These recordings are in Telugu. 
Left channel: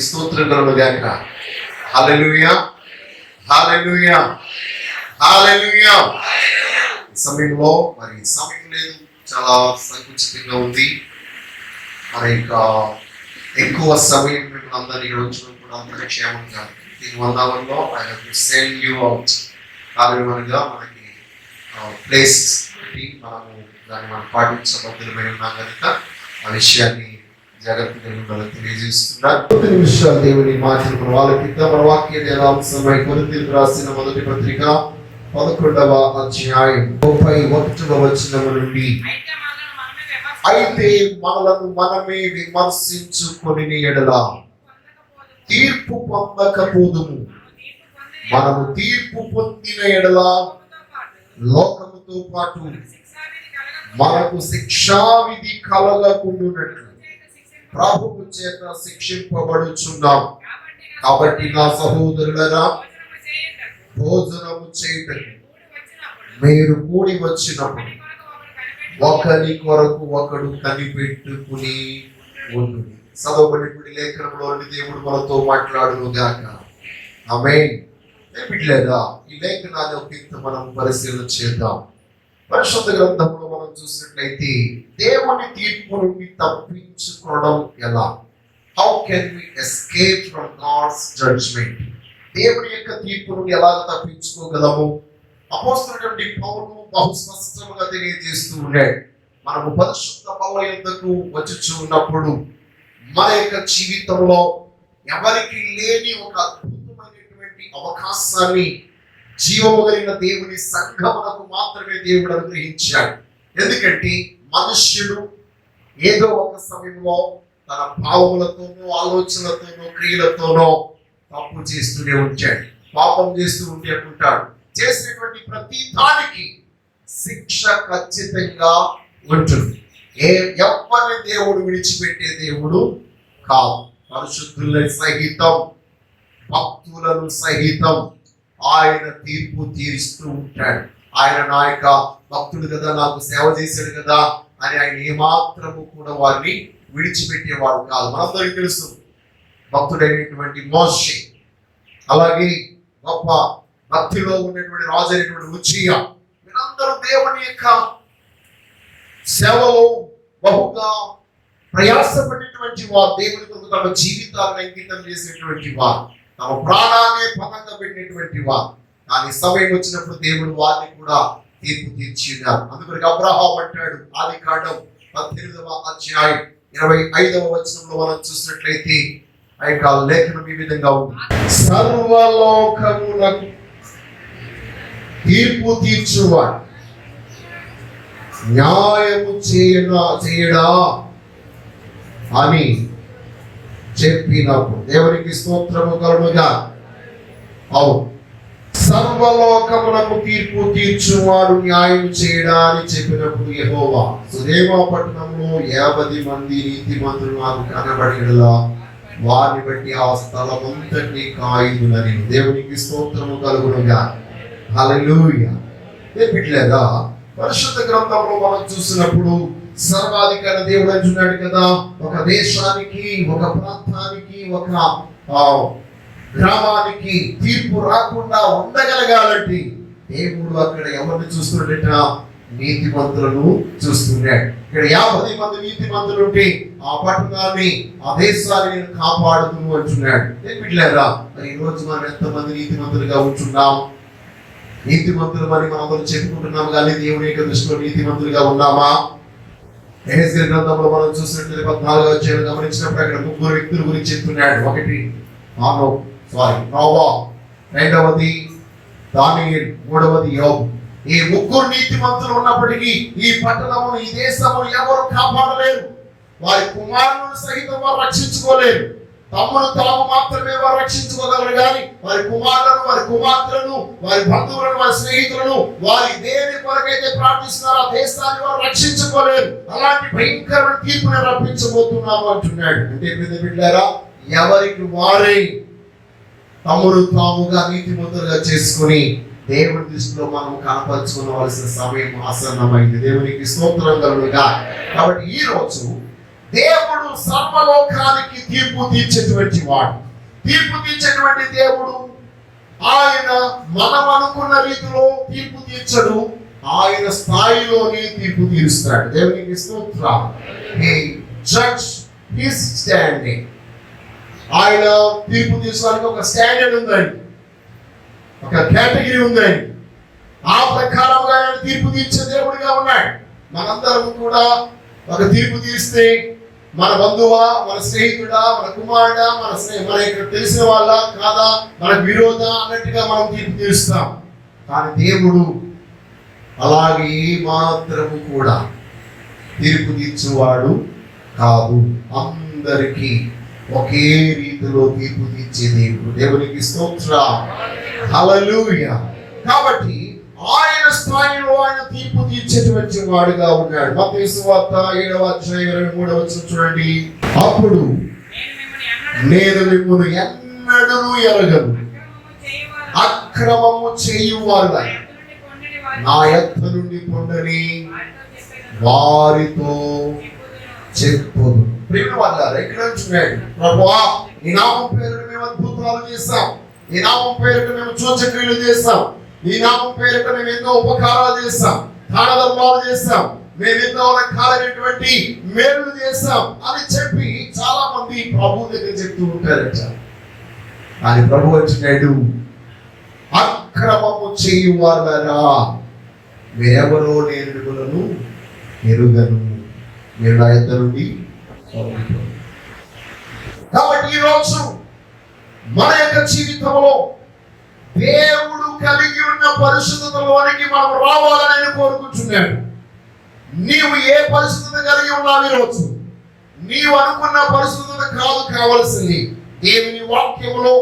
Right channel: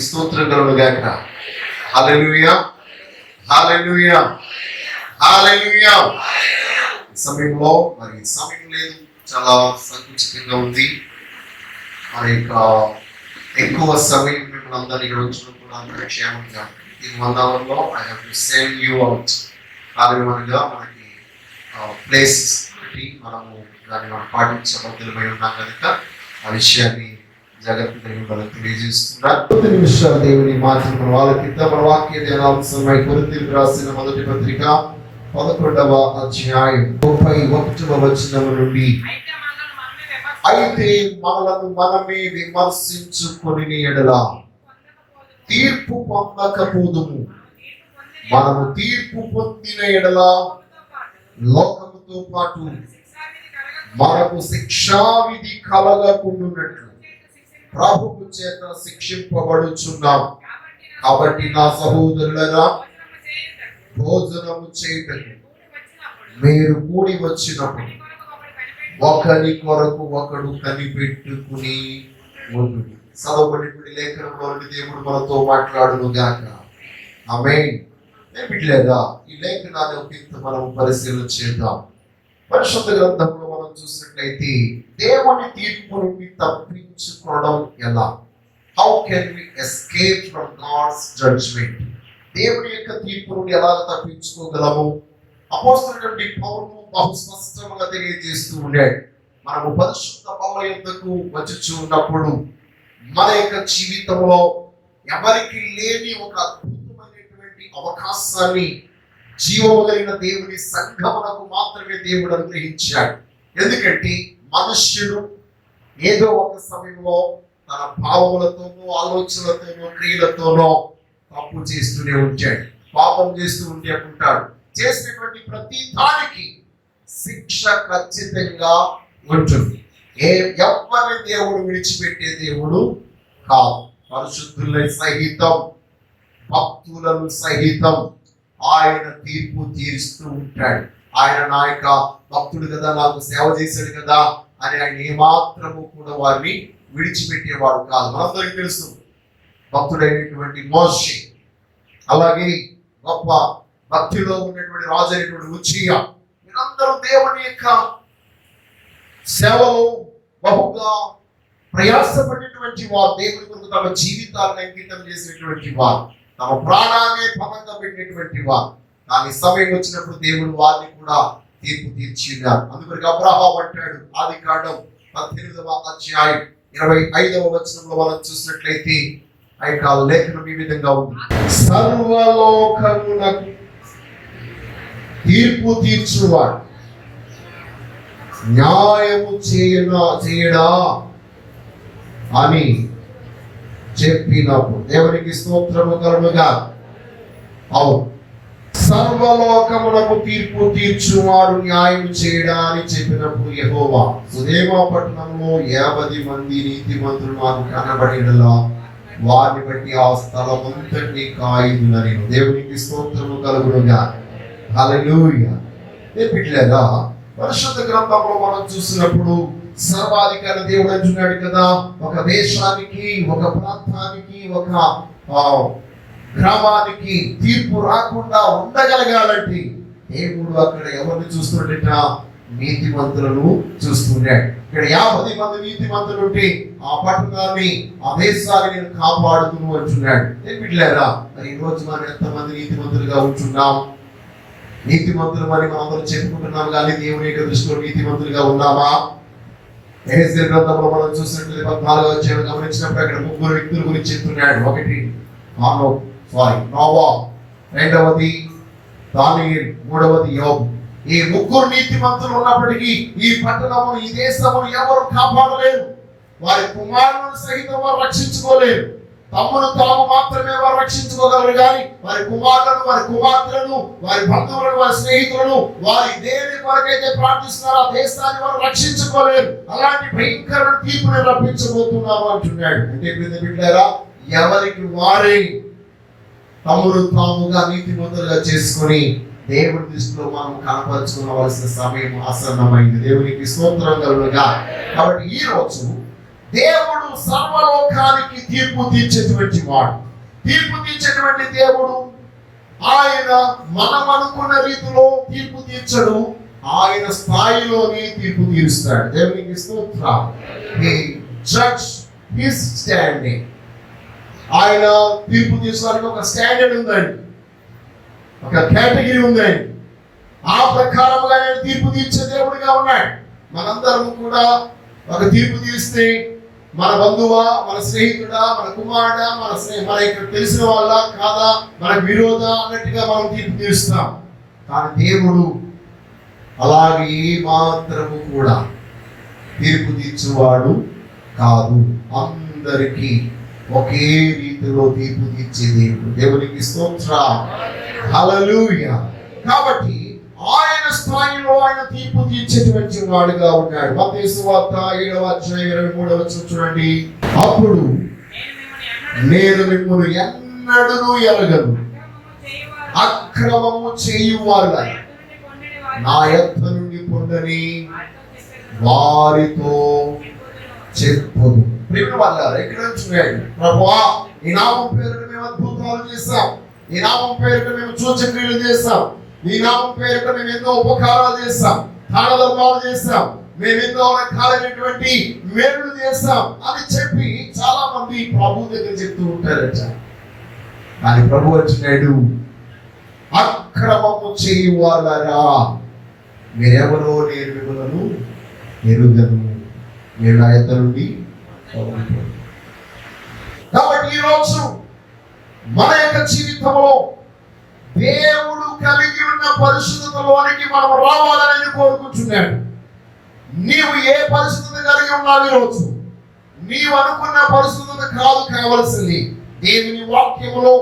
దేవునికి స్తోత్రం కలుగుగాక. హల్లెలూయా, హల్లెలూయా, హల్లెలూయా. సమయంలో మరి సమయం లేదు, చాలా సంకుచితంగా ఉంది. మరి ఇంకా ఎక్కువ సమయం మిమ్మల్ని అందరినీ వచ్చిన కూడా అందరి క్షేమంగా ఈ వందాలలో I have to send you out. కారణంగా మనకి ప్లేసెస్ పెట్టి మనము దాన్ని మనం పాటించబద్ధమై ఉన్నాం కనుక ఆ విషయాన్ని జాగ్రత్తగా తెలియజేస్తున్నారు. నిమిషాలు దేవుని మాటలు వాళ్ళకిద్దాం. మన వాక్య ధ్యానాంశమై కొరింథీయులకు రాసిన మొదటి పత్రిక 11వ అధ్యాయం 31వ వచనం నుండి, అయితే మనలను మనమే విమర్శించుకొని ఎడల తీర్పు పొందకపోదుము. మనము తీర్పు పొందిన ఎడల లోకముతో పాటు మనకు శిక్షావిధి కలగకుండునట్లు ప్రభువు చేత శిక్షింపబడుచున్నాం. కాబట్టి నా సహోదరులరా, భోజనము చేయటకు మీరు కూడి వచ్చినప్పుడు ఒకరి కొరకు ఒకడు కనిపెట్టుకుని ఉంటుంది. చదవబడి లేఖనంలో దేవుడు మనతో మాట్లాడును గాక. ఆమేన్. లేదా ఈ లేఖనాన్ని ఒక మనం పరిశీలన చేద్దాం. పరిశుద్ధ గ్రంథంలో మనం చూసినట్లయితే దేవుని తీర్పు నుండి తప్పించుకోవడం ఎలా? How can we escape from God's judgment? దేవుని యొక్క తీర్పు నుండి ఎలా తప్పించుకోగలము? అపోస్తలుడైన పౌలు బహు స్పష్టంగా తెలియజేస్తూ ఉన్నాడు. మనము పరిశుద్ధ పౌలు యొద్దకు వచ్చుచూ ఉన్నప్పుడు మన యొక్క జీవితంలో ఎవరికి లేని ఒక అద్భుతమైనటువంటి అవకాశాన్ని జీవము కలిగిన దేవుని సంఘమునకు మాత్రమే దేవుడు అనుగ్రహించాడు. ఎందుకంటే మనుష్యుడు ఏదో ఒక సమయంలో తన భావములతోనో ఆలోచనలతోనో క్రియలతోనో తప్పు చేస్తూనే ఉంటాడు, పాపం చేస్తూ ఉంటే ఉంటాడు. చేసినటువంటి ప్రతి దానికి శిక్ష ఖచ్చితంగా ఉంటుంది. ఎవరిని దేవుడు విడిచిపెట్టే దేవుడు కాదు. పరిశుద్ధులను సహితం భక్తులను సహితం ఆయన తీర్పు తీరుస్తూ ఉంటాడు. ఆయన నా యొక్క భక్తుడు కదా, నాకు సేవ చేశాడు కదా అని ఆయన ఏమాత్రము కూడా వారిని విడిచిపెట్టేవాడు కాదు. మనందరికీ తెలుసు భక్తుడైనటువంటి మోషే, అలాగే గొప్ప భక్తిలో ఉన్నటువంటి రాజు అయినటువంటి ఉజ్జియా, మీరందరూ దేవుని యొక్క సేవలో బహుగా ప్రయాసపడినటువంటి వారు, దేవుని కొరకు తమ జీవితాలను అంకితం చేసినటువంటి వారు, తమ ప్రాణాన్ని పనంగా పెట్టినటువంటి వారు. కానీ సమయం వచ్చినప్పుడు దేవుడు వారిని కూడా తీర్పు తీర్చినారు. అందుకొరకు అబ్రహాము అంటాడు, ఆదికాండం 18వ అధ్యాయం 25వ వచనంలో మనం చూసినట్లయితే ఆ యొక్క లేఖనం ఈ విధంగా ఉంది. సర్వలోకమునకు తీర్పు తీర్చువాడు న్యాయము చేయడా అని చెప్పినప్పుడు దేవునికి స్తోత్రము కలుగుగా. అవును, సర్వలోకమునకు తీర్పు తీర్చువాడు న్యాయం చేయడా అని చెప్పినప్పుడు యెహోవా, సుదేమ పట్టణంలో 50 మంది నీతిమంతులు నాకు కనబడినలా వారిని బట్టి ఆ స్థలమంతటినీ కాయుదునని. దేవునికి స్తోత్రము కలుగునుగా. హల్లెలూయా. లేదా పరిశుద్ధ గ్రంథంలో మనం చూసినప్పుడు సర్వాధికారి దేవుడు అంటున్నాడు కదా, ఒక దేశానికి, ఒక ప్రాంతానికి, ఒక గ్రామానికి తీర్పు రాకుండా ఉండగలగాలంటే దేవుడు అక్కడ ఎవరిని చూస్తున్నాడట? నీతిమంతులను చూస్తున్నాడు. ఇక్కడ 50 మంది నీతిమంతులు ఉంటే ఆ పట్టణాన్ని, ఆ దేశాన్ని నేను కాపాడుతును అంటున్నాడు. లేదా మరి ఈ రోజు మనం ఎంతమంది నీతిమంతులుగా ఉంటున్నాం? నీతిమంతులు మరి మనం చెప్పుకుంటున్నాం, కానీ దేవుని యొక్క దృష్టిలో నీతిమంతులుగా ఉన్నామా? ఎహెజ్కేలు గ్రంథంలో మనం చూసినట్లయితే 14వ అధ్యాయం గమనించినప్పుడు అక్కడ 3 వ్యక్తుల గురించి చెప్తున్నాడు. ఒకటి నోవా, రెండవది దానియేలు, మూడవది యోబు. ఈ 3 నీతిమంతులు ఉన్నప్పటికీ ఈ పట్టణము, ఈ దేశము ఎవరు కాపాడలేరు. వారి కుమారులను సహితం వారు రక్షించుకోలేరు. తమ్మును తాము మాత్రమే వారు రక్షించుకోగలరు, కానీ వారి కుమారులను, వారి కుమార్తెలను, వారి బంధువులను, వారి స్నేహితులను, వారి దేని కొరకైతే ప్రార్థిస్తున్నారో ఆ దేశాన్ని వారు రక్షించుకోలేరు. అలాంటి భయంకరమైన తీర్పుని రప్పించబోతున్నాము అంటున్నాడు. అంటే బిడ్డలారా, ఎవరికి వారే తమ్ముడు తాముగా నీతిమంతులుగా చేసుకుని దేవుని దృష్టిలో మనం కనపరుచుకోవలసిన సమయం ఆసన్నమైంది. దేవునికి స్తోత్రం కలుగుగా. కాబట్టి ఈ రోజు దేవుడు సర్వలోకానికి తీర్పు తీర్చేటువంటి వాడు. తీర్పు తీర్చేటువంటి దేవుడు ఆయన మనం అనుకున్న రీతిలో తీర్పు తీర్చడు, ఆయన స్థాయిలోనే తీర్పు తీరుస్తాడు. దేవునికి స్తోత్రం. He judge his standing. ఆయన తీర్పు తీర్చడానికి ఒక స్టాండర్డ్ ఉందండి, ఒక కేటగిరీ ఉందండి. ఆ ప్రకారంగా ఆయన తీర్పు తీర్చే దేవుడిగా ఉన్నాడు. మనందరం కూడా ఒక తీర్పు తీస్తే మన బంధువా, మన స్నేహితుడా, మన కుమారుడా, మన ఇక్కడ తెలిసిన వాళ్ళ కాదా, మనకు విరోధ అన్నట్టుగా మనం తీర్పు తీరుస్తాం. కానీ దేవుడు అలాగే మాత్రము కూడా తీర్పు తీర్చేవాడు కాదు. అందరికీ ఒకే రీతిలో తీర్పు తీర్చే దేవుడు. దేవునికి స్తోత్రం. హల్లెలూయా. కాబట్టి ఆయన స్థాయిలో ఆయన తీర్పు తీర్చేటువంటి వాడుగా ఉన్నాడు. మత్తయి సువార్త 7వ అధ్యాయం 23వ వచనం చూడండి. అప్పుడు నేను మిమ్మల్ని ఎన్నడూ ఎరగను, అక్రమము చేయువారు నా యొద్ద నుండి పొండని వారితో చెప్పుదు. ప్రేమ వాళ్ళారా, ఇక్కడ చూడండి. ప్రభువా, ఈ నామం పేరున మేము అద్భుతాలు చేస్తాం, ఈ నామం పేరున మేము సూచక్రియలు చేస్తాం, ఈ నామం పేరుట మేము ఎన్నో ఉపకారాలు చేస్తాం, దాన ధర్మాలు చేస్తాం, మేము ఎన్నో రకాలైనటువంటి మేలు చేస్తాం అని చెప్పి చాలా మంది ప్రభు దగ్గర చెప్తూ ఉంటారట. కానీ ప్రభు వచ్చినాడు, అక్రమము చేయువారలారా మీరెవరో నేను మిమ్మల్ని ఎరుగను, మీరు నా యొద్ద నుండి పోవుడి. కాబట్టి ఈరోజు మన యొక్క జీవితంలో దేవుడు కలిగి ఉన్న పరిశుద్ధతలోనికి మనం రావాలని నేను కోరుకుంటున్నాను. నీవు ఏ పరిశుద్ధత కలిగి ఉన్నావు ఈరోజు? నీవు అనుకున్న పరిశుద్ధత కాదు కావలసింది. దేవుని వాక్యములో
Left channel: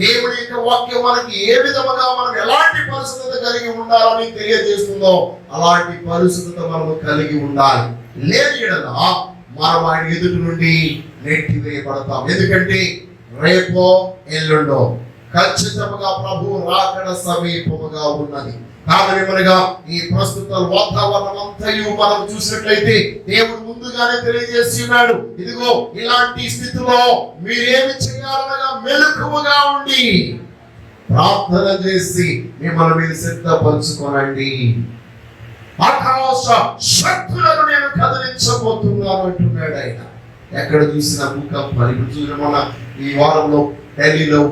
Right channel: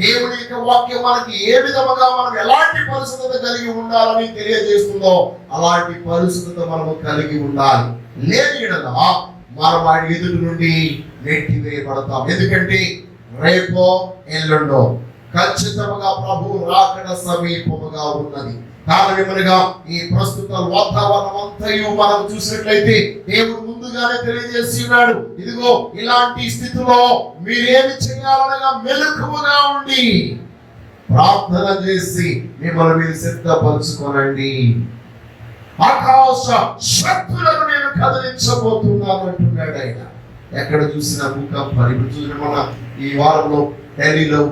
దేవుని యొక్క వాక్యం మనకి ఏ విధముగా మనం ఎలాంటి పరిశుద్ధత కలిగి ఉండాలని తెలియజేస్తుందో అలాంటి పరిశుద్ధత మనము కలిగి ఉండాలి. లేని యెడల మనం ఆయన ఎదుటి నుండి నెట్టివేయబడతాం. ఎందుకంటే రేపో ఎల్లుండో ఖచ్చితంగా ప్రభువు రాకడ సమీపముగా ఉన్నది. కారణమనగా ఈ ప్రస్తుత వాతావరణం అంతయు మనం చూసినట్లయితే దేవుడు ముందుగానే తెలియజేసి ఉన్నాడు. ఇదిగో ఇలాంటి స్థితిలో మీరేమి చేయాలనగా మెలకువగా ఉండి ప్రార్థన చేసి మిమ్మల్ని మీరు సిద్ధపరచుకోనండి. ఆకాశ శక్తులను నేను కదిలించబోతున్నాను అంటున్నాడు ఆయన. ఎక్కడ చూసిన భూకంపాలు, ఇప్పుడు చూసిన మన ఈ వారంలో ఢిల్లీలో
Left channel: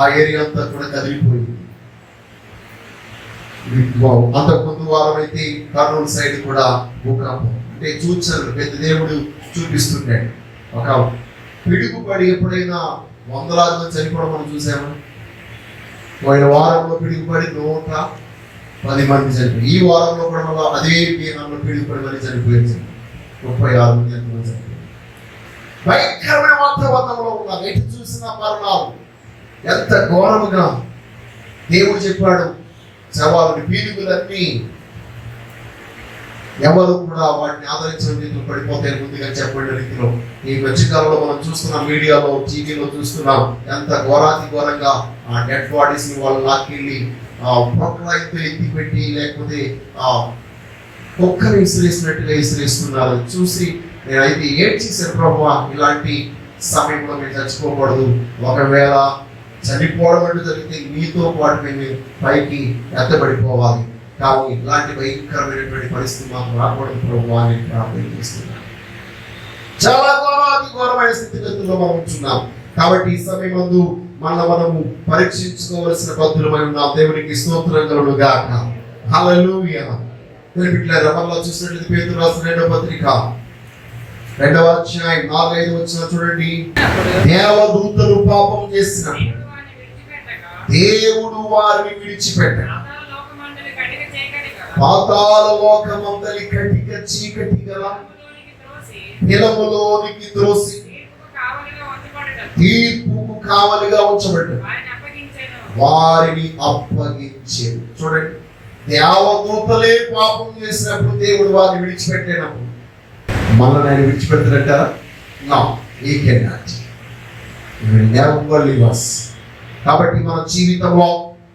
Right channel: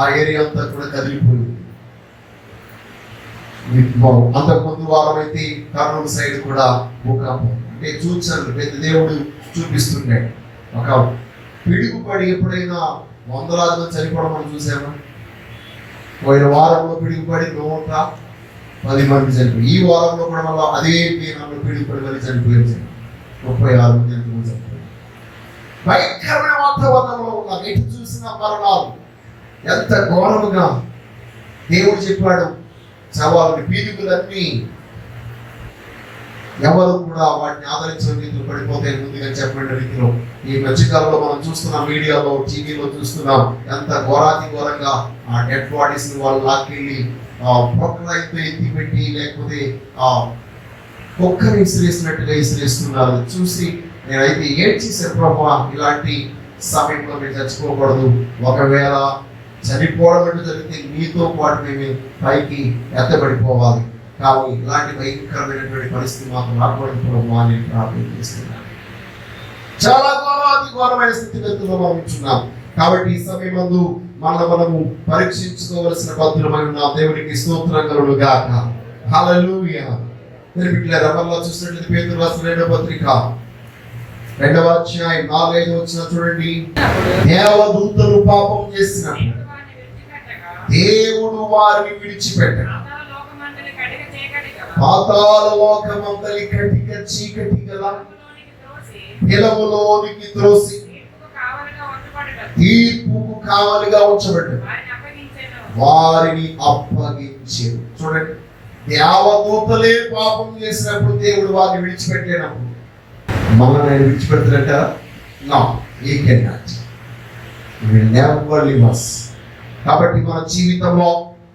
ఆ ఏరియా అంతా కూడా కదిలిపోయింది. అంతకుముందు వారం అయితే కర్నూలు సైడ్ కూడా భూకంపం. అంటే చూచారు, పెద్ద దేవుడు చూపిస్తున్నాడు. ఒక పిడుగుపడి ఎప్పుడైనా వందలాది మంది చనిపోవడం మనం చూసామా? పోయిన వారంలో పిడుగుపడి 110 మంది చనిపోయి, ఈ వారంలో కూడా మళ్ళీ అదే పీనంలో పిడుగుపడి మళ్ళీ చనిపోయారు. 36 మంది చనిపోయారు. భయంకరమైన వాతావరణంలో ఉన్నారు. ఎటు చూసిన మరణాలు. ఎంత ఘోరముగా దేవుడు చెప్పాడు, శవాలని పీనుగులన్నీ ఎవరు కూడా వాటిని ఆదరించిన రీతిలో పడిపోతాయి ముందుగా చెప్పబడిన రీతిలో. ఈ మధ్యకాలంలో మనం చూస్తున్నాం, మీడియాలో టీవీలో చూస్తున్నాం, ఎంత ఘోరాతి ఘోరంగా ఆ డెడ్ బాడీస్ ని వాళ్ళు లాక్కెళ్ళి ప్రొక్లైన్తో ఎత్తి పెట్టి లేకపోతే కుక్కని విసిరేసినట్టుగా విసిరేస్తున్నారు. చూసి నేనైతే ఏం చేశాను ప్రభు, ఇలాంటి సమయంలో మేము చచ్చిపోకూడదు. ఒకవేళ చనిపోవడం అంటే జరిగితే నీతో పాటు మేము పైకి ఎత్తబడిపోవాలి. కానీ ఇలాంటి భయంకరమైనటువంటి పరిస్థితి మాకు రాకూడదు ప్రభు అని ప్రార్థన చేస్తున్నాను. చాలా ఘోరమైన స్థితిగతుల్లో మనం ఉంటున్నాం. కాబట్టి ఈ సమయం ముందు మనము పరీక్షించుకోవలసిన పద్ధతులమై ఉన్నాం. దేవునికి స్తోత్రం కలుగును గాక. హల్లెలూయా. బిడ్డలారా, మనలో చూసినట్లయితే పేతురు రాసిన 2వ పత్రిక 2వ అధ్యాయం 4-5 వచనం చూడండి. దేవదూతలు పాపం చేసినప్పుడు దేవుడు వారిని విడిచిపెట్టడు, పాతాళ లోకమందలి కటిక చీకటి గల నిలములోనికి త్రోసి తీర్పుకు కావలిగా ఉంచబడ్డాడు, వారిని అప్పగించాడు. చూడండి, దేవదూతలే పాపం చేసినప్పుడు దేవుడు వారిని విడిచిపెట్టినప్పుడు మనల్ని ఆయన విడిచిపెడతారంటారా? No, he cannot. He will never leave us. కాబట్టి మన జీవితంలో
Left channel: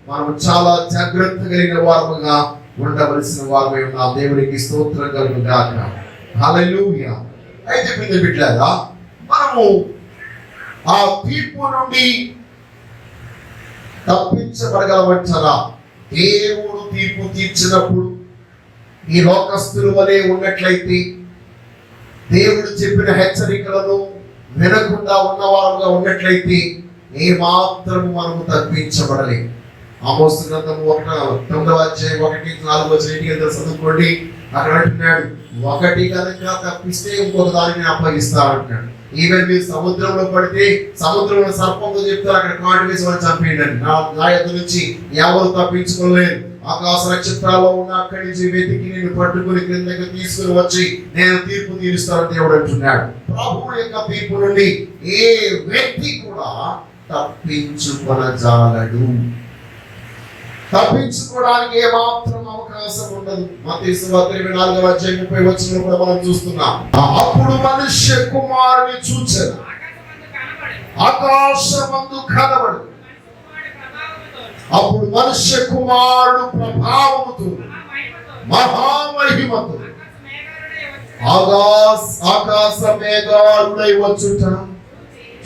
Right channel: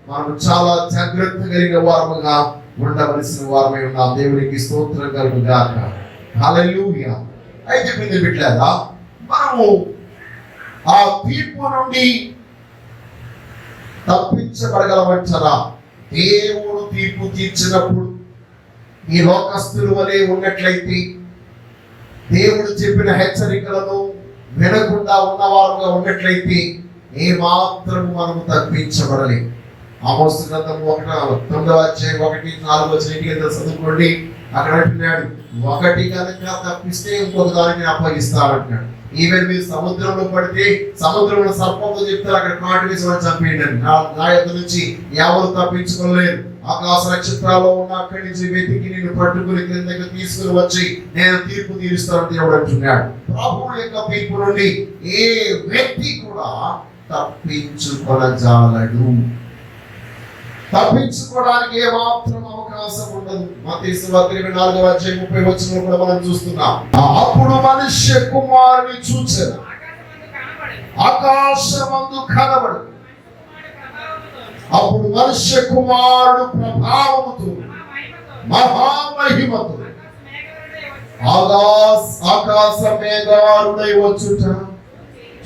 మనం చాలా జాగ్రత్త కలిగిన వారముగా ఉండవలసిన వారమై ఉన్నాం. దేవునికి స్తోత్రం కలుగును గాక. హల్లెలూయా. అయితే బిడ్డలారా, మనము ఆ తీర్పు నుండి తప్పించబడగలమంటారా? దేవుడు తీర్పు తీర్చినప్పుడు ఈ లోకస్తుల వలె ఉన్నట్లయితే, దేవుడు చెప్పిన హెచ్చరికలను వినకుండా ఉన్నవారుగా ఉన్నట్లయితే ఏ మాత్రం మనము తప్పించబడలేం. ఆమోసు గ్రంథము 9వ అధ్యాయం 1-4 చదువుకోండి. అక్కడ అంటున్నాడు, ఒకటి కనుక తప్పిస్తే ఇంకొక దానిని అప్పగిస్తా అంటున్నాడు. ఈవెన్ మీరు సముద్రంలో పడితే సముద్రంలో సర్పంతో చెప్తారు, అక్కడ కాటు వేసి వాళ్ళు చంపేయండి. నా యొద్ద నుంచి ఎవరు తప్పించుకోలేరు. ఆకాశ నక్షత్రాల్లో ఉన్న అక్కడి నుంచి వెతికి నేను పట్టుకుని కిందకి తీసుకుని వచ్చి నేను తీర్పు తీరుస్తానని దేవుడు అంటున్నాడు. ప్రభువు యొక్క తీర్పు నుండి ఏ వ్యక్తి కూడా తప్పించుకొనజాలడు. తప్పించుకోవడానికి ఏ మాత్రం అవకాశం ఉండదు. మత్తయి సువార్త 24వ అధ్యాయం 30వ వచనంలో కూడా మనం చూస్తున్నాం. అప్పుడు మనుష్య కుమారుని చూచెను, ఆకాశమందు కనబడు. అప్పుడు మనుష్య కుమారుడు ప్రభావముతో మహామహిమతో ఆకాశ మేఘారుడై వచ్చుట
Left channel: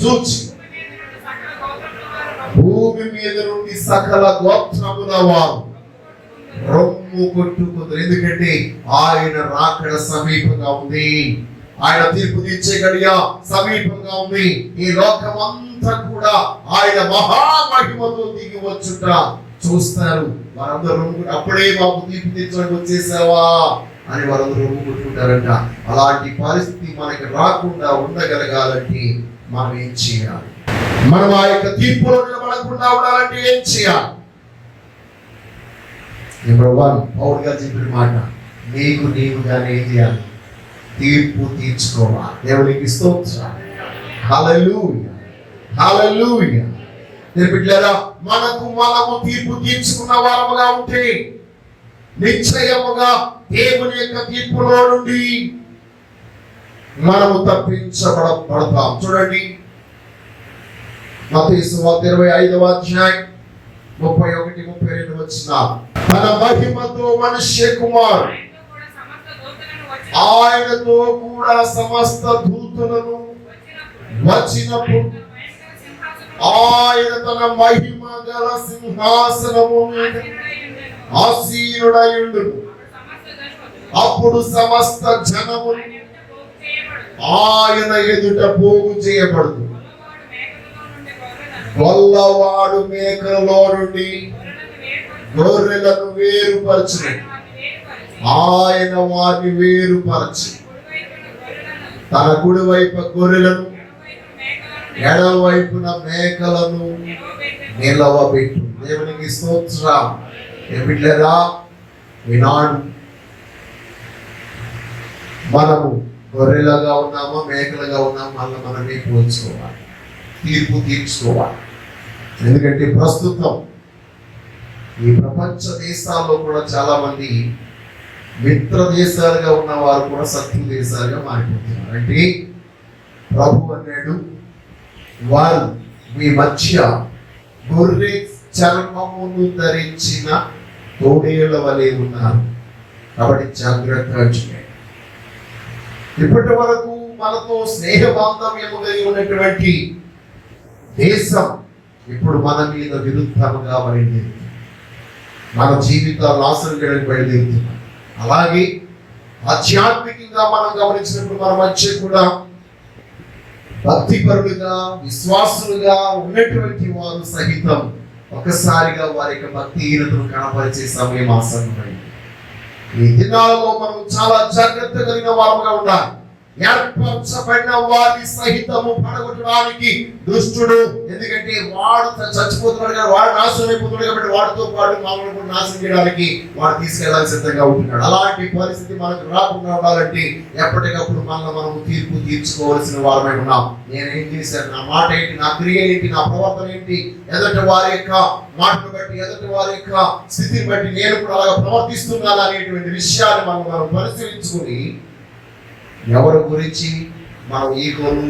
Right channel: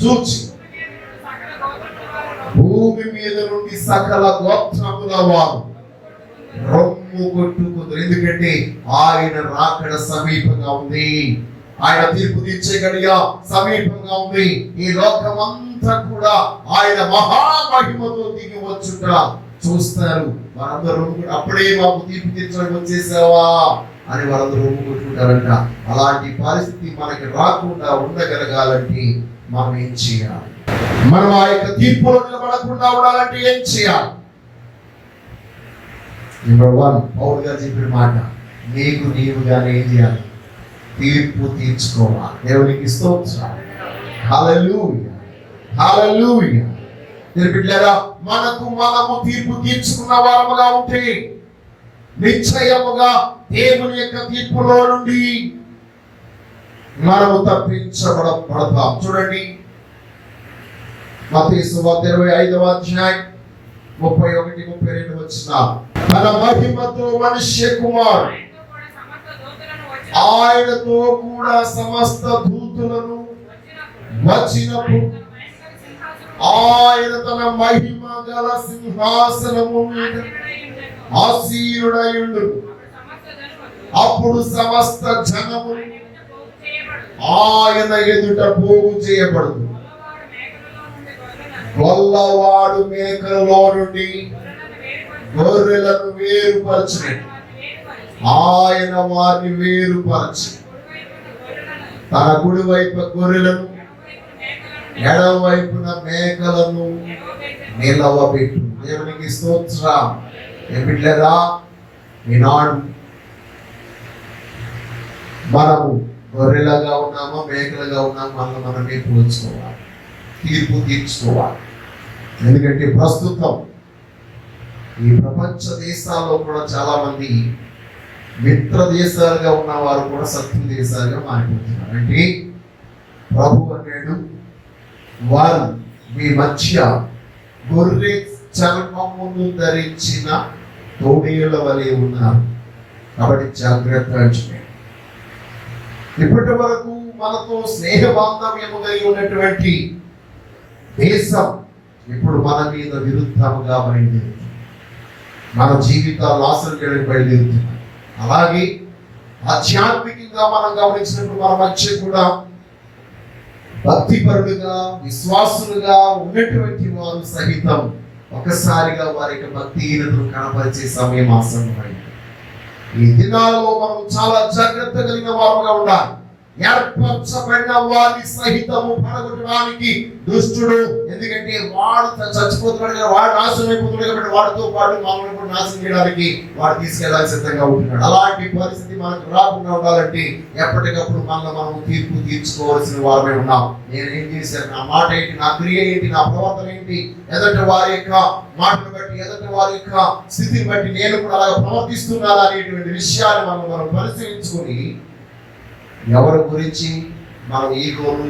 చూచి భూమి మీద నుండి సకల గోత్రముల వారు రొమ్ము కొట్టుకుంటారు. ఎందుకంటే ఆయన రాకడ సమీపంగా ఉంది. ఆయన తీర్పు తీర్చే గడియ సమీపంగా ఉంది. ఈ లోకమంతా కూడా ఆయన మహామహిమతో దిగి వచ్చుట చూస్తారు. వారందరూ అప్పుడే మాకు తీర్పు తీర్చడానికి వచ్చేసావా అని వారందరూ రొమ్ము కొట్టుకుంటారంట. అలాంటి పరిస్థితి మనకి రాకుండా ఉండగలగాలంటే మనం ఏం చేయాలి? మనం ఆ యొక్క తీర్పులో నిలబడకుండా ఉండాలంటే ఏం చేయాలి? నెంబర్ 1, పౌలు గారు చెప్పిన మాట, నీకు నీవుగానే ఏం చేయాలి? తీర్పు తీర్చుకోవాలి. దేవునికి స్తోత్రం. హల్లెలూయా, హల్లెలూయా. బిడ్డలారా, మనకు మనము తీర్పు తీర్చుకున్న వారముగా ఉంటే నిశ్చయముగా దేవుని యొక్క తీర్పులో నుండి మనము తప్పించబడతాం. చూడండి, మత్తయి సువార్త 25వ అధ్యాయం 31-32 వచనాలు. తన మహిమతో మనుష్య కుమారుడు ఆయనతో కూడా సమస్త దూతలను వచ్చినప్పుడు ఆయన తన మహిమ గల సింహాసనము మీద ఆసీనుడయుండు. అప్పుడు సమస్త జనము ఆయన ఎదుట పోగు చేయబడును. గొల్లవాడు మేకలలో నుండి గొర్రెలను వేరుపరచును. ఆయన వారిని వేరుపరచి తన కుడి వైపు గొర్రెలను ఎడమ వైపున మేకలను నిలవబెట్టు. దేవునికి స్తోత్రం. బిడ్డలారా, ఈనాడు మనము గొర్రెలుగా ఉన్నామా మేకలుగా ఉన్నామా అలా మనమే పోల్చుకోవాలి, తీర్పు తీర్చుకోవాలి. ఎందుకంటే ప్రస్తుతం ఈ ప్రపంచ దేశాల్లో కూడా చాలా మంది మిత్ర దేశాలుగా ఉన్నవారు కూడా శత్రు దేశాలుగా మారిపోతున్నారు. అంటే ప్రభు అన్నాడు, వారు మీ మధ్య గొర్రె చర్మమును ధరించిన తోడేళ్ల వలె ఉన్నారు. కాబట్టి జాగ్రత్తగా చూడండి. ఇప్పటి వరకు మనతో స్నేహ బాంధవ్యము కలిగి ఉన్నటువంటి దేశం ఇప్పుడు మన మీద విరుద్ధంగా బయలుదేరుతుంది. మన జీవితాలు నాశనం చేయడానికి బయలుదేరుతుంది. అలాగే ఆధ్యాత్మికంగా మనం గమనించినప్పుడు మన మధ్య కూడా భక్తిపరులుగా విశ్వాసులుగా ఉన్నటువంటి వారు సహితం ఒకసారిగా వారి యొక్క భక్తిహీనతను కనపరిచే సమయం ఆసన్నమైంది. ఈ దినాలలో మనం చాలా జాగ్రత్త కలిగిన వారుగా ఉండాలి. ఏర్పరచబడిన వారిని సహితము పడగొట్టడానికి దుష్టుడు, ఎందుకంటే వాడు చచ్చిపోతున్నాడు కదా, వాడు నాశనం అయిపోతున్నాడు కాబట్టి వాడితో పాటు మనల్ని కూడా నాశనం చేయడానికి వాడు తీసుకెళ్ళాలని సిద్ధంగా ఉంటున్నాడు. అలాంటి పరిస్థితి మనకు రాకుండా ఉండాలంటే ఎప్పటికప్పుడు మనం తీర్పు తీర్చుకోవాల్సిన వారమే ఉన్నాం. నేనేం చేశాను, నా మాట ఏంటి, నా క్రియ ఏంటి, నా ప్రవర్తన ఏంటి, ఎదుటి వారి యొక్క మాటను బట్టి ఎదుటి వారి యొక్క స్థితిని బట్టి నేను కూడా అలాగా ప్రవర్తిస్తున్నాను అనేటువంటి విషయాన్ని మనం పరిశీలించుకొని ఎవరి గురించి మనం ఈగోలు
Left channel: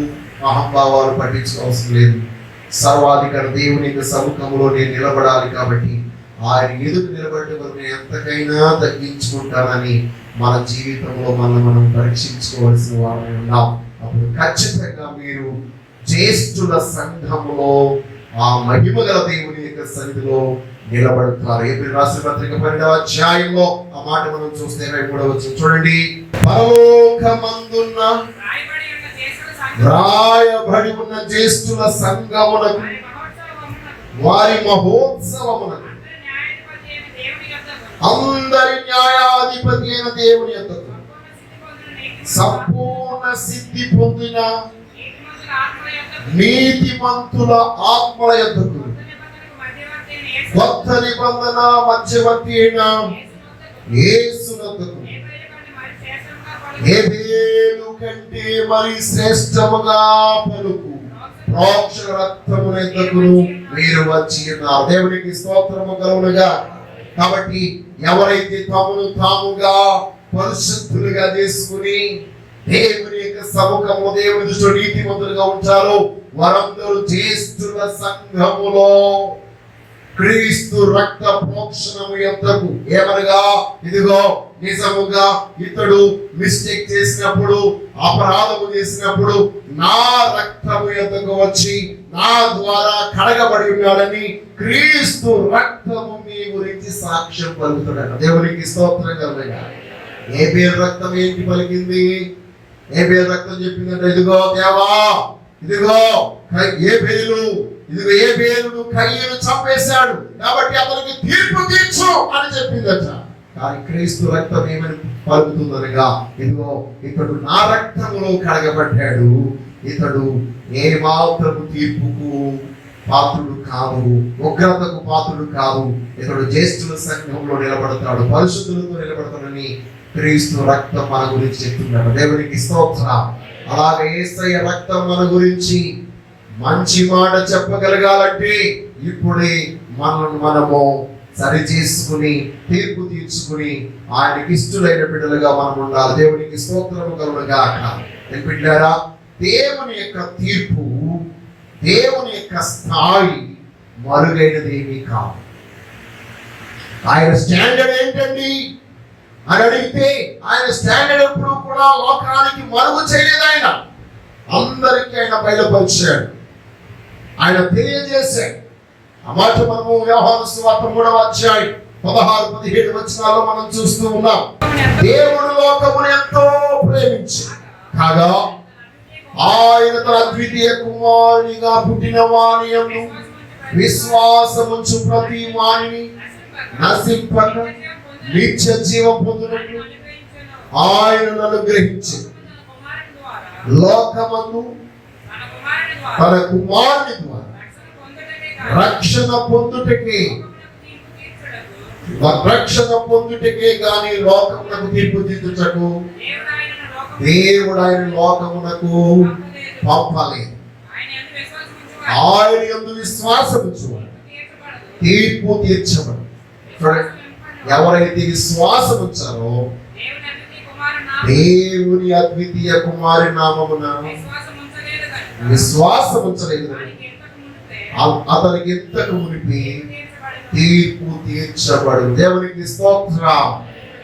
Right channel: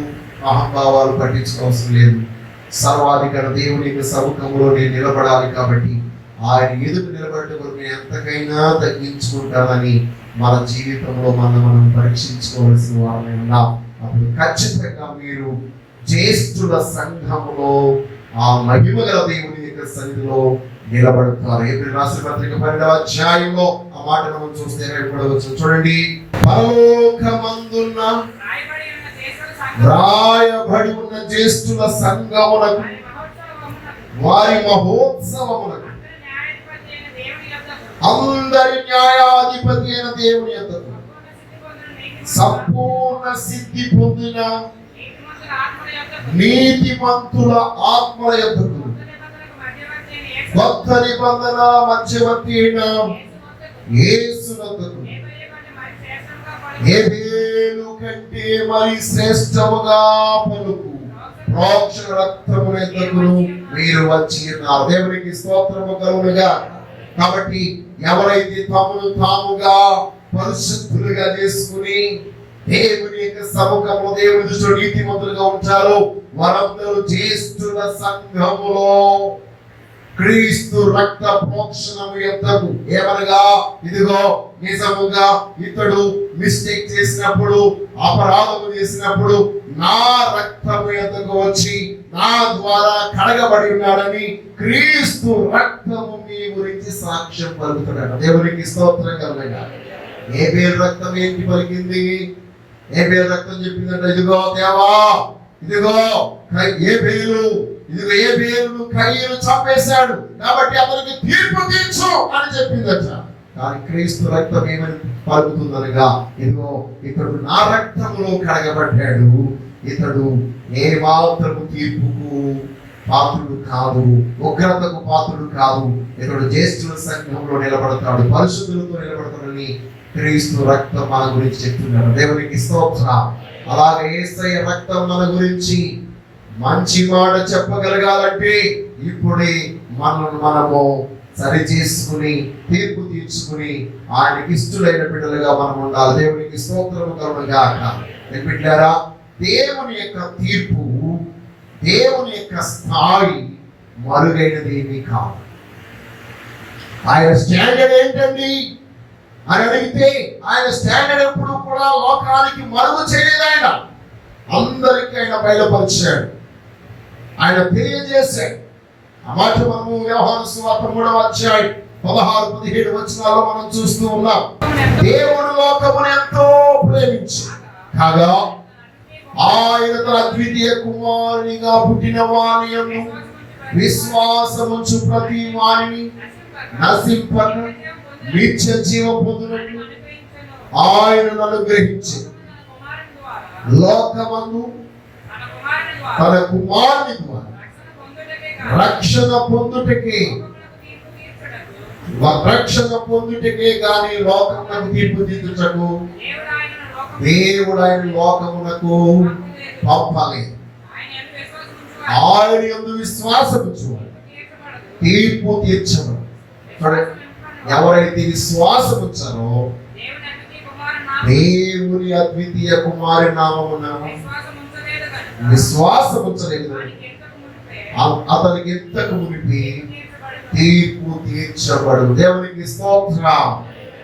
అహంభావాలు పట్టించుకోవాల్సిన లేదు. సర్వాధికార దేవుని యొక్క సముఖంలో నేను నిలబడాలి కాబట్టి ఆయన ఎదురు నిలబడి నేను ఎంతకైనా తగ్గించుకుంటానని మన జీవితంలో మనం పరీక్షించుకోవాల్సిన వారమే ఉన్నాం. అప్పుడు ఖచ్చితంగా మీరు జ్యేష్ఠుల సంఘములో ఆ మహిమ గల దేవుని యొక్క సన్నిధిలో నిలబడతారు. ఏప్రిల్ రాసిన పత్రిక 12వ అధ్యాయంలో ఆ మాట మనం చూస్తే 23వ వచనం చూడండి. పరలోకమందున్న రాయబడి ఉన్న జ్యేష్ఠుల సంఘములకు వారి మహోత్సవములకు అందరి న్యాయాధిపతి అయిన దేవుని యొద్దకు సంపూర్ణ సిద్ధి పొందిన నీతిమంతుల ఆత్మల యొద్దకు కొత్త నిబంధన మధ్యవర్తి అయిన యేసు వద్దకు హేబేలు కంటే మరి శ్రేష్టముగా పలుకు ప్రోక్ష రక్తముల యొద్దకు మీరు వచ్చి ఉన్నారు. దేవునికి స్తోత్రము కలుగునుగా. కాబట్టి ఎవరైతే తమను తాముగా పరిశుద్ధులుగా చేసుకుని దేవుని యొక్క సముఖము దేవుని దృష్టిలో నీతిమంతులుగా ఉంటారో వారందరూ జ్యేష్ఠుల సంఘములో క్రీస్తు రక్త ప్రోక్షణము యొద్దకు ఏమనగా ఇదిగో నిజముగా ఇతడు మిస్టేక్ చేసినప్పుడు అపరాధము చేసినప్పుడు నా రక్తము యొద్దకు వచ్చి నా ద్వారా కడగబడి ఉన్నాడని క్రీస్తు రక్తము మీ గురించి సాక్ష్యం పలుకుతున్నాడు. దేవునికి స్తోత్రం కలుగునుగా. ఏ పేరు రక్తం ఏంటి పలికింది? ఏ పేరు రక్తం చెప్పిందంటే ఇదిగో దేవా, ఇదిగో ఏ పేరు, ఇదిగో ఏ పేరును కయ్యను చంపేశాడు కాబట్టి అతనికి తీర్పు తీర్చు అని చెప్పిందట. కానీ క్రీస్తు రక్తం ఏమని పలుకుతుందనగా ఇదిగో ఇతడు నా రక్తములో కడగబడ్డాడు, ఇతడు ఏ మాత్రము తీర్పుకు పాత్రుడు కాదు, ఉగ్రతకు పాత్రుడు కాదు, ఇతడు జ్యేష్ఠుల సంఘంలో నిలబడతాడు, పరిశుద్ధులతో నిలబడతాడని క్రీస్తు రక్తం మన గురించి చెప్తున్నాడు. దేవునికి స్తోత్రం. అలాగే యేసయ్య రక్తం మన గురించి మంచి మాట చెప్పగలగాలంటే ఇప్పుడే మనము సరి చేసుకుని తీర్పు తీర్చుకుని ఆయనకి ఇష్టమైన బిడ్డలుగా మనం ఉండాలి. దేవునికి స్తోత్రము కలుగునుగాక. బిడ్డలారా, దేవుని యొక్క తీర్పు, దేవుని యొక్క స్థాయి మరుగైనది ఏమీ కాదు. ఆయన స్టాండర్డ్ ఏంటండి అని అడిగితే ఆయన స్టాండర్డ్ ఎప్పుడు కూడా లోకానికి మరుగు చేయలేదు. ఆయన అందరికీ ఆయన బయలుపరిచాడు, ఆయన తెలియజేశాడు. ఆ మాట మనము యోహాను సువార్త 3వ అధ్యాయం 16-17 వచనాల్లో మనం చూస్తూ ఉన్నాం. దేవుడు లోకమును ఎంతో ప్రేమించి కాగా ఆయన తన అద్వితీయ కుమారునిగా పుట్టిన వాని యందు విశ్వాసముంచు ప్రతి వానిని నశింపక నిత్య జీవం పొందునట్లు ఆయనను అనుగ్రహించి లోకమందు తన కుమారుని ద్వారా రక్షణ పొందుటకే గాని లోకమునకు తీర్పు తీర్చుటకు దేవుడు ఆయన లోకమునకు పంపలేదు. ఆయన యందు విశ్వాసముంచు తీర్పు తీర్చబడు. ఎవరైతే విశ్వాసం ఉంచారో దేవుని అద్వితీయ కుమారి నామమున విశ్వాసం ఉంచలేదు అతనికి ఇంతకు మునిపి తీర్పు తీర్చబడు. దేవునికి స్తోత్రం.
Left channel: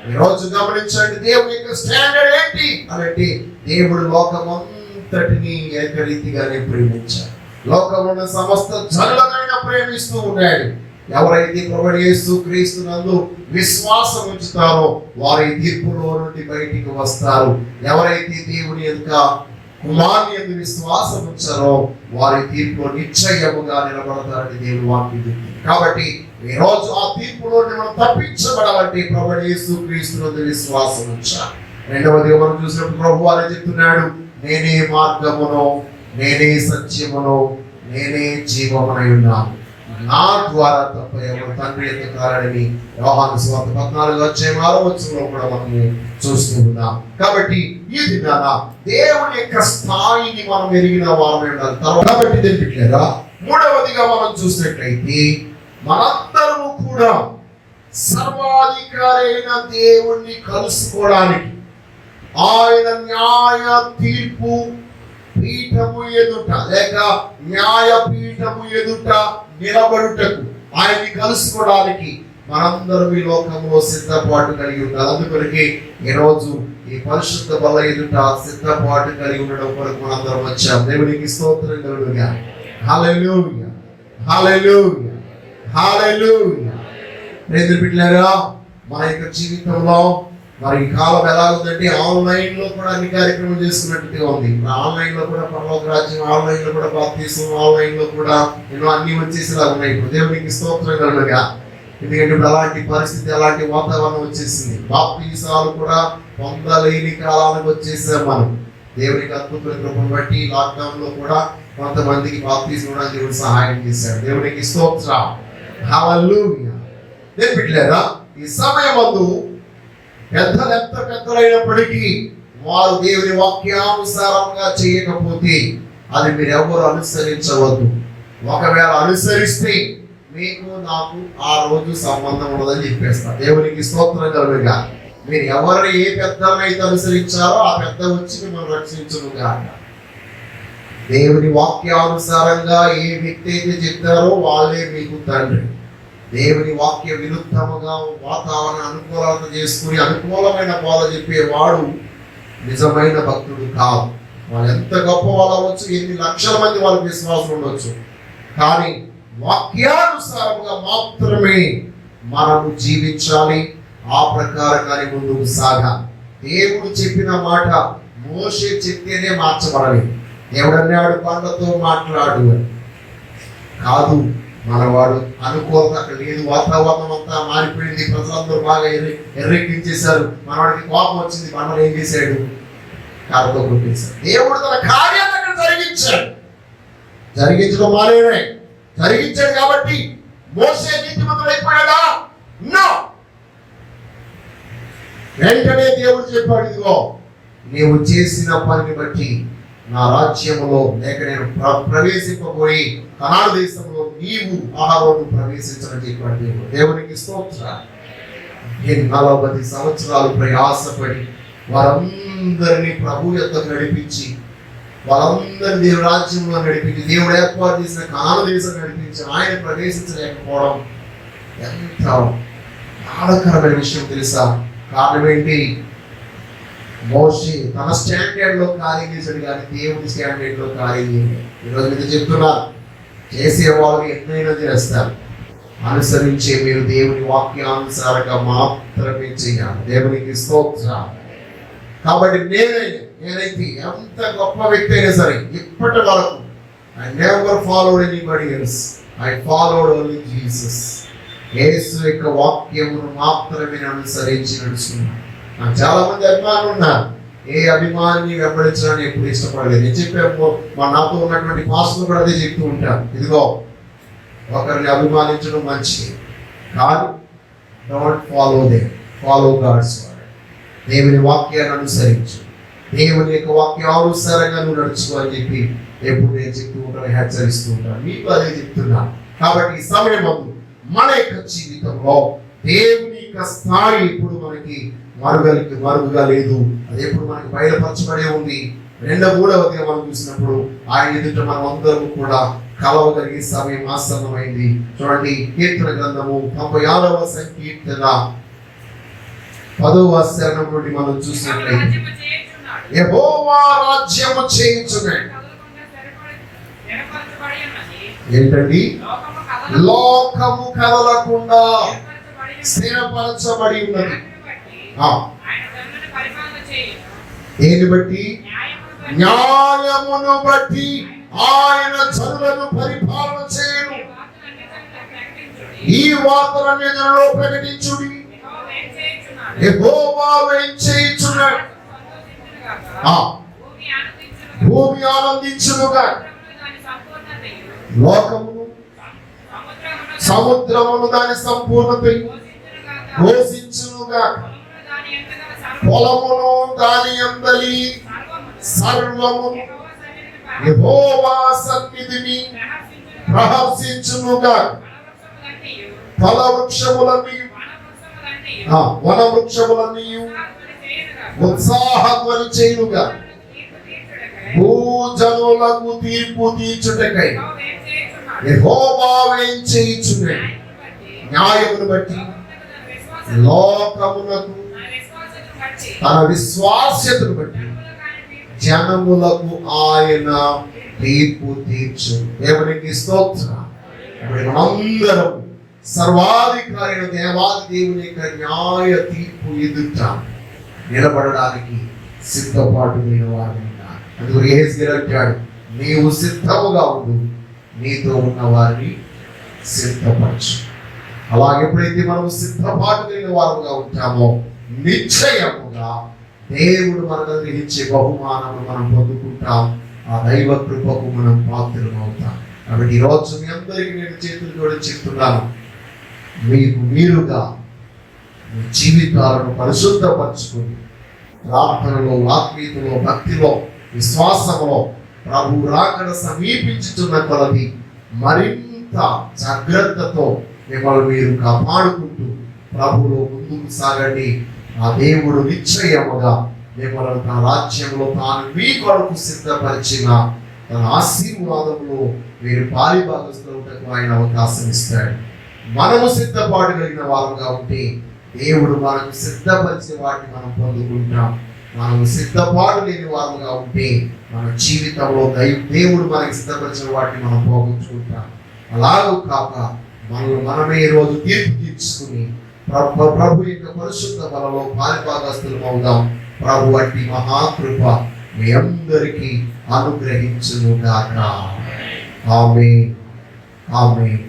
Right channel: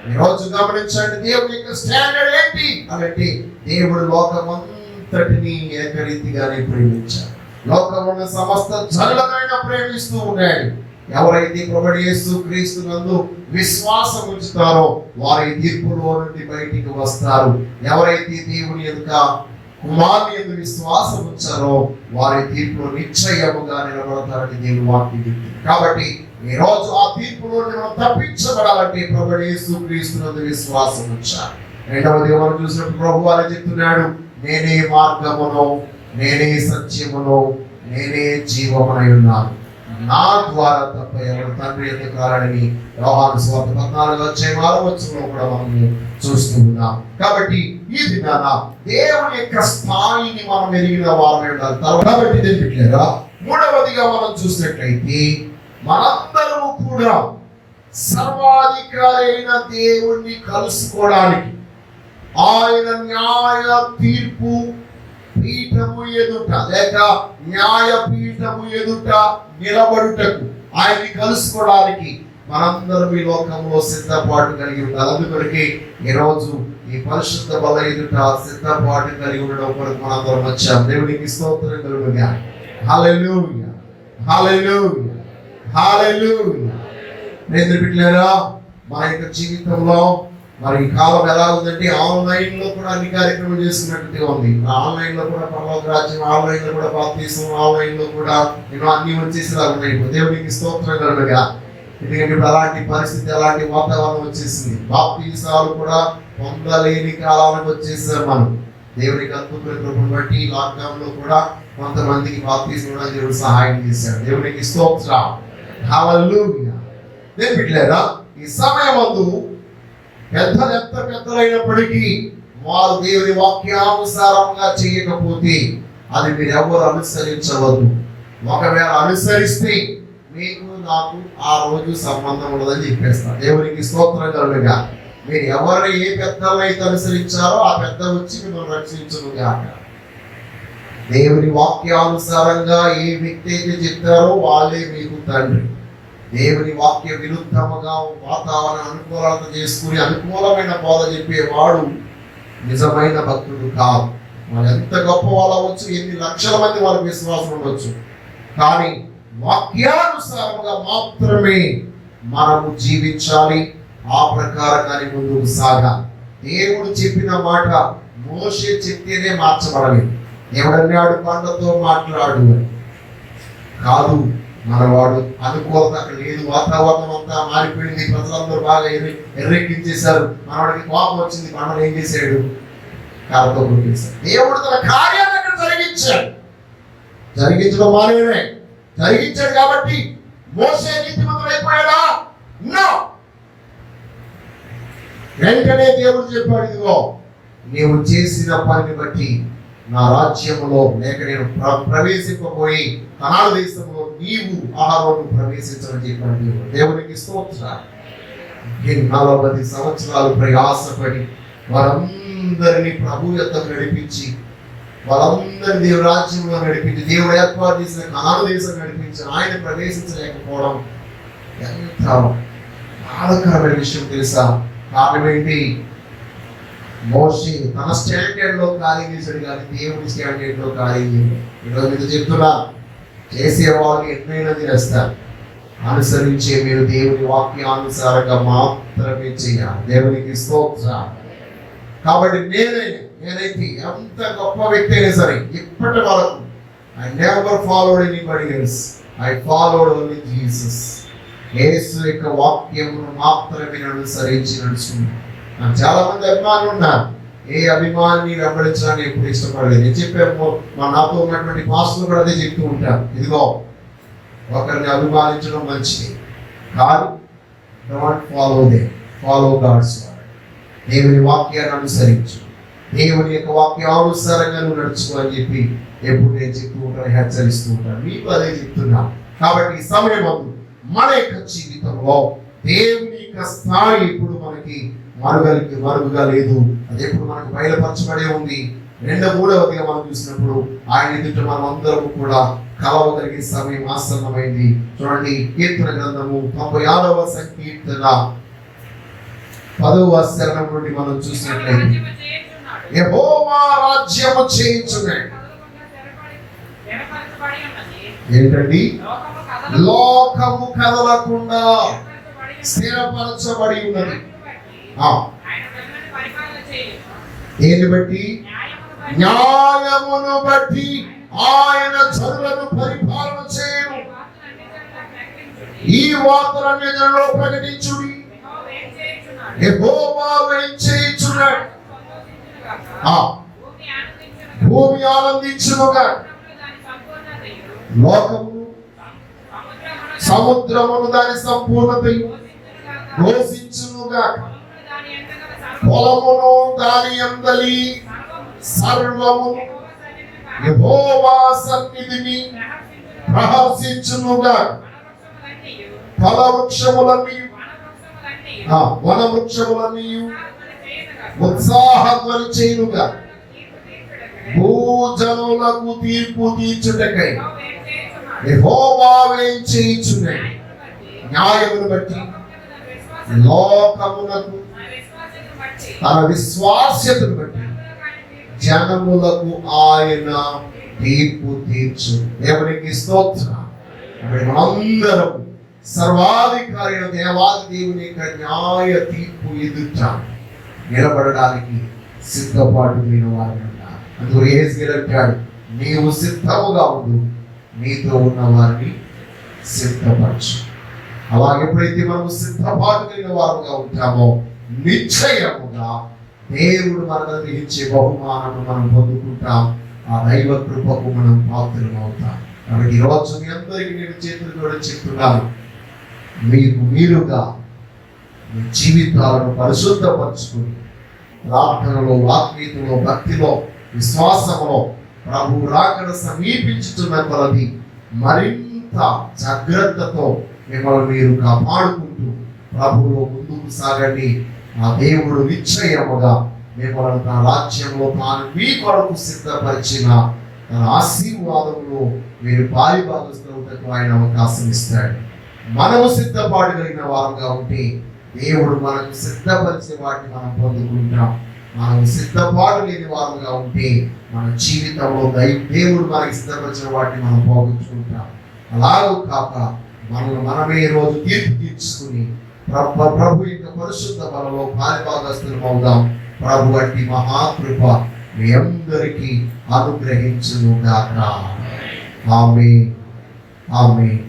ఈరోజు గమనించండి, దేవుని యొక్క స్టాండర్డ్ ఏంటి అంటే దేవుడు లోకమంతటిని ఏకరీతిగానే ప్రేమించాడు. లోకమున్న సమస్త జనులనైనా ప్రేమిస్తూ ఉన్నాడు. ఎవరైతే ప్రభువు యేసు క్రీస్తు నందు విశ్వాసం ఉంచుతారో వారి తీర్పులో నుండి బయటికి వస్తారు. ఎవరైతే దేవుని యొక్క కుమారుని యందు విశ్వాసం ఉంచారో వారి తీర్పులో నిశ్చయముగా నిలబడతారని దేవుని వాక్యం చెప్తుంది. కాబట్టి ఈ రోజు ఆ తీర్పులో మనం తప్పించబడాలంటే ప్రభువు యేసు క్రీస్తు నందు విశ్వాసం ఉంచాలి. రెండవది మనం చూసినప్పుడు ప్రభువు వారు చెప్తున్నాడు, నేనే మార్గమును, నేనే సత్యమును, నేనే జీవమునై ఉన్నాను, నా ద్వారా తప్ప ఎవరు తండ్రి ఎందుకు రారని యోహాను సువార్త 14వ అధ్యాయంలో కూడా మనం చూస్తూ ఉన్నాం. కాబట్టి ఈ దినాన దేవుని యొక్క స్థాయిని మనం ఎరిగిన వారమే ఉండాలి. కాబట్టి తెలియట్లేదా? మూడవదిగా మనం చూసినట్లయితే మనందరము కూడా సర్వాధికారి అయిన దేవుణ్ణి కలుసుకోవడానికి ఆయన న్యాయ తీర్పు పీఠము ఎదుట లేక న్యాయ పీఠము ఎదుట నిలబడుటకు ఆయన్ని కలుసుకోవడానికి మనందరం ఈ లోకంలో సిద్ధపాటు కలిగి ఉండాలి. అందుకొరికి ఈరోజు ఈ పరిశుద్ధ బల ఎదుట సిద్ధపాటు కలిగి ఉండడం కొరకు మనందరం వచ్చాం. దేవునికి స్తోత్రం కలుగుగా. హల్లెలూయా, హల్లెలూయా, హల్లెలూయా. ప్రియమైన బిడ్డలారా, మన యొక్క జీవితంలో మరి ఈ కాలం ఎలా ఉందంటే ఆన్లైన్ లో కూడా అన్ని కార్యక్రమాలు చేసుకున్నట్టుగా ఉంది. ఆన్లైన్ లో కూడా పరలోక రాజ్యం, ఆన్లైన్ లో కూడా బాప్తిసం, ఆన్లైన్ లో కూడా ఎన్నో అన్ని వచ్చేసేలా ఉన్నాయి. దేవునికి స్తోత్రం కలుగుగా. ఎందుకంటే ఇప్పుడు అలాంటి పరిస్థితి, అలాంటి వాతావరణం వచ్చేసింది. బాప్తిసాలు కూడా పొందలేని కాలానికి వచ్చేసాం మనం. దేవునికి అద్భుతమైన కృపను బట్టి లాక్డౌన్ లో కూడా కొంతమందికి బాప్తిసం ఇవ్వడానికి దేవుడు సహాయం చేశాడు. దేవునికి స్తోత్రం. హల్లెలూయా. దేవుని బిడ్డలారా, ఈ సమయమందు పెద్దలు ఎంత పెద్దలైనప్పటికీ వారు దేవుని వాక్యానుసారంగా చేయకపోతే అది మీరు ఎవరు అనుసరించవద్దు. ఒకవేళ అనుసరిస్తే మీకు నాకు ఆ రోజు సంబంధం ఉండదని చెప్పేస్తారు. దేవునికి స్తోత్రం కలుగుగా. మీరు ఎవరిని ఏ పెద్దలైతే అనుసరించారో ఆ పెద్ద వచ్చి మిమ్మల్ని రక్షించునుగా. దేవుని వాక్యానుసారంగా ఏ వ్యక్తి అయితే చెప్తారో వాళ్ళే మీకు తండ్రి. దేవుని వాక్య విరుద్ధముగా వాతావరణ అనుకూలత చేసుకుని అనుకూలమైన బోధ చెప్పేవాడు నిజమైన భక్తుడు కాదు. వాళ్ళు ఎంత గొప్ప వాళ్ళు అవ్వచ్చు, ఎన్ని లక్షల మంది వాళ్ళకి విశ్వాసం ఉండొచ్చు, కానీ వాక్యానుసారంగా మాత్రమే మనము జీవించాలి. ఆ ప్రకారంగానే ముందుకు సాగాలి. దేవుడు చెప్పిన మాట మోషే చెప్తేనే మార్చబడాలి. దేవుడు అన్నాడు పంటతో మాట్లాడు కాదు. మనవాడు అనుకోక అక్కడ లేదు, వాతావరణం అంతా మారిపోయింది, ప్రజలందరూ బాగా ఎర్రెక్కించేశారు. మనవాడికి కోపం వచ్చింది, మనల్ని ఏం చేశాడు? కారుతో కొట్టేశాడు. దేవుడు తన కార్యాన్ని అక్కడ జరిగించడం మానేనే జరిగించాడు. కాబట్టి మోషే నీతిమంతుడు అయిపోయాడా? నో. వెంటనే దేవుడు చెప్పాడు, ఇదిగో నీవు చేసిన పనిని బట్టి నా రాజ్యములో లేక నేను ప్రవేశింపబోయి కనాను దేశంలో నీవు ఆహారం ప్రవేశించని చెప్పాడు దేవుడు. దేవునికి స్తోత్రం. 40 సంవత్సరాలు ప్రయాసపడి వారందరినీ ప్రభు యొద్దకు నడిపించి, వాళ్ళందరినీ దేవుడి రాజ్యంలో నడిపించి, దేవుడు ఏర్పాటు చేసిన కనాను దేశం నడిపించి ఆయన ప్రవేశించలేకపోవడం ఎంత బాధాకరమైన విషయం తెలుసా? కారణం ఏంటి? మోషే తన స్టాండర్డ్ లో కార్యం చేశాడు, కానీ దేవుడి స్టాండర్డ్ లో కార్యం చేయలేదు. ఈరోజు మీరు చెప్తున్నారు, చేసేవాళ్ళు ఎన్నైనా చేస్తారు. అనుసరించే మీరు దేవుని వాక్యానుసారంగా మాత్రమే చేయాలి. దేవునికి స్తోత్రం. కాబట్టి నేనైతే ఎంత గొప్ప వ్యక్తి అయినా సరే ఇప్పటి వరకు I never followed anybody else. I followed only Jesus. యేసు యొక్క వాక్యమును మాత్రమే అనుసరించి నడుచుకున్నాను. నాకు చాలా మంది అభిమానులు ఉన్నారు. ఏ అభిమాని వెంబడించడానికి ఎప్పుడు ఇష్టపడలేదు. నేను చెప్పాము, మా నాతో ఉన్నటువంటి పాస్టర్లు కూడా అదే చెప్తూ ఉంటారు, ఇదిగో ఒకరిని అభిమానించడం మంచిది, కానీ don't follow them, follow God's word. దేవుని వాక్యాన్ని అనుసరించు, దేవుని యొక్క వాక్యానుసారంగా నువ్వు నడుచుకో అని చెప్పి ఎప్పుడు నేను చెప్తూ ఉంటాను, హెచ్చరిస్తూ ఉంటాను. మీకు అదే చెప్తున్నా. కాబట్టి ఈ సమయం మన యొక్క జీవితంలో దేవుని యొక్క స్థాయి ఇప్పుడు మనకి మరుగుగా లేదు. అది ఎప్పుడు మనకి బయలుపరచబడే ఉంది. 2-3 మనం చూసినప్పుడు ఆయన ఎదుట మనం అందరం కూడా కలవగలిగే సమయం ఆసన్నమైంది. చూడండి, కీర్తన గ్రంథము 95వ సంకీర్తన 10వ చరణం నుండి మనం చూసినట్లయితే, యెహోవా రాజ్యము చేయించును. ఏంటండి? లోకము కదలకుండా స్థిరపరచబడి ఉన్నది. దేని బట్టి? న్యాయమును బట్టి ఆయన జనులను పరిపాలన చేయను. ఈ వార్తలన్నిటిలో ప్రకటించుడి. యెహోవా వేయించేయుచున్నాడు. భూమి ఆనందించునుగా, లోకము సముద్రమును దాని సంపూర్ణత ఘోషించునుగా, పొలమును దాని అందలి సర్వము యెహోవా సన్నిధిని ప్రహర్షించునుగా. ఫల వృక్షములన్నీ వన వృక్షములన్నీ ఉత్సాహధ్వని చేయునుగా, భూజనులకు తీర్పు తీర్చుటకై యెహోవా వేయించేయుచున్నాడు. న్యాయమును బట్టి లోకమునకు తన విశ్వాస్యతను బట్టి జనములకు ఆయన తీర్పు తీర్చు. దేవునికి స్తోత్రం. మనందరం సర్వాధికారి అయిన దేవాది దేవుని యొక్క న్యాయ తీర్పు ఎదుట నిలబడడానికి సిద్ధపాటు లేని వారు. అందుకు యేసు అంటాడు, నీవు సిద్ధముగా ఉండు, నీతో ఉన్న వారిని సిద్ధపరచు. అలా ఎప్పుడైతే మనము సిద్ధపాటు లేని వారుగా ఉంటామో నిశ్చయముగా దేవుడు మనకు గ్రహించే బహుమానము మనం పొందుకుంటాం. ఆ దైవ కృపకు మనం పాత్రలు అవుతాం. కాబట్టి ఈరోజు మీ అందరికీ నేను చేతులు కూడా చెప్తున్నాను, మీకు మీరుగా మీ జీవితాలను పరిశుద్ధపరచుకుని ప్రార్థనలో, ఆత్మీయతలో, భక్తిలో, విశ్వాసంలో ప్రభు రాకడ సమీపించుతున్న కొలది మరింత జాగ్రత్తతో మిమ్మల్ని మీరు కాపాడుకుంటూ ప్రభువులో ముందుకు సాగండి. ఆ దేవుడు నిశ్చయముగా మిమ్మల్ని తన రాజ్యంలో తాను మీ కొరకు సిద్ధపరిచిన తన ఆశీర్వాదంలో మీరు పాలిభాగస్తులకు ఆయన అవకాశం ఇస్తాడు. మనము సిద్ధపాటు కలిగిన వారుగా ఉంటే దేవుడు మనకు సిద్ధపరిచే వాటిని మనం పొందుకుంటాం. మనం సిద్ధపాటు లేని వారుగా ఉంటే మన జీవితంలో దేవుడు మనకి సిద్ధపరిచిన వాటిని మనం పోగొట్టుకుంటాం. అలాగూ కాక మనమే రోజు తీర్పు తీర్చుకుని ప్రభు యొక్క పరిశుద్ధ బలలో పాలిభాగస్తులం అవుదాం. ప్రభు వంటి మహాకృప మీ అందరికీ అనుగ్రహించును గాక. ఆమేన్. ఆమేన్.